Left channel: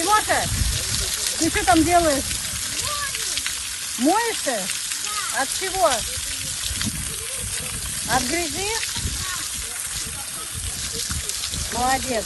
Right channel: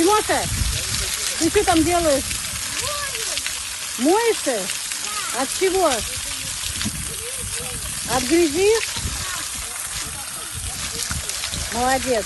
Тимоша, ты что там делаешь? Моешься? От чего? От грязи? Молодец.